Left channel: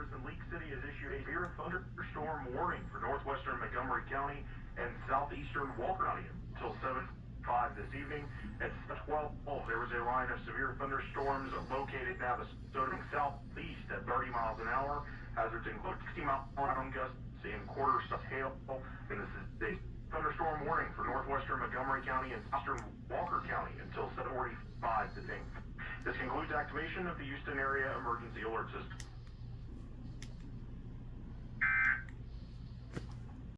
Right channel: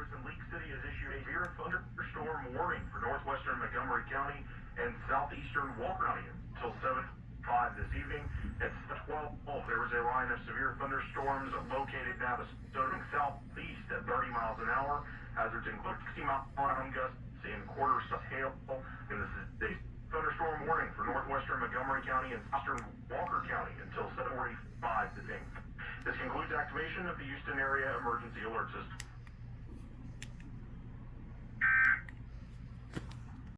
Service in Leak City has issued a severe thunderstorm warning for northwestern Montgomery County and southeastern Walker County until 7:05 this evening. At 12, there was a line of severe thunderstorms located now starting southeast at 30 miles an hour. Hazards include 60-mile-an-hour gusts and quarter-size hail. And this is a thunderstorm warning for northwestern Montgomery County and southern Walker County until 7:45 this evening. This concludes activation of the Houston Area Emergency Alert System.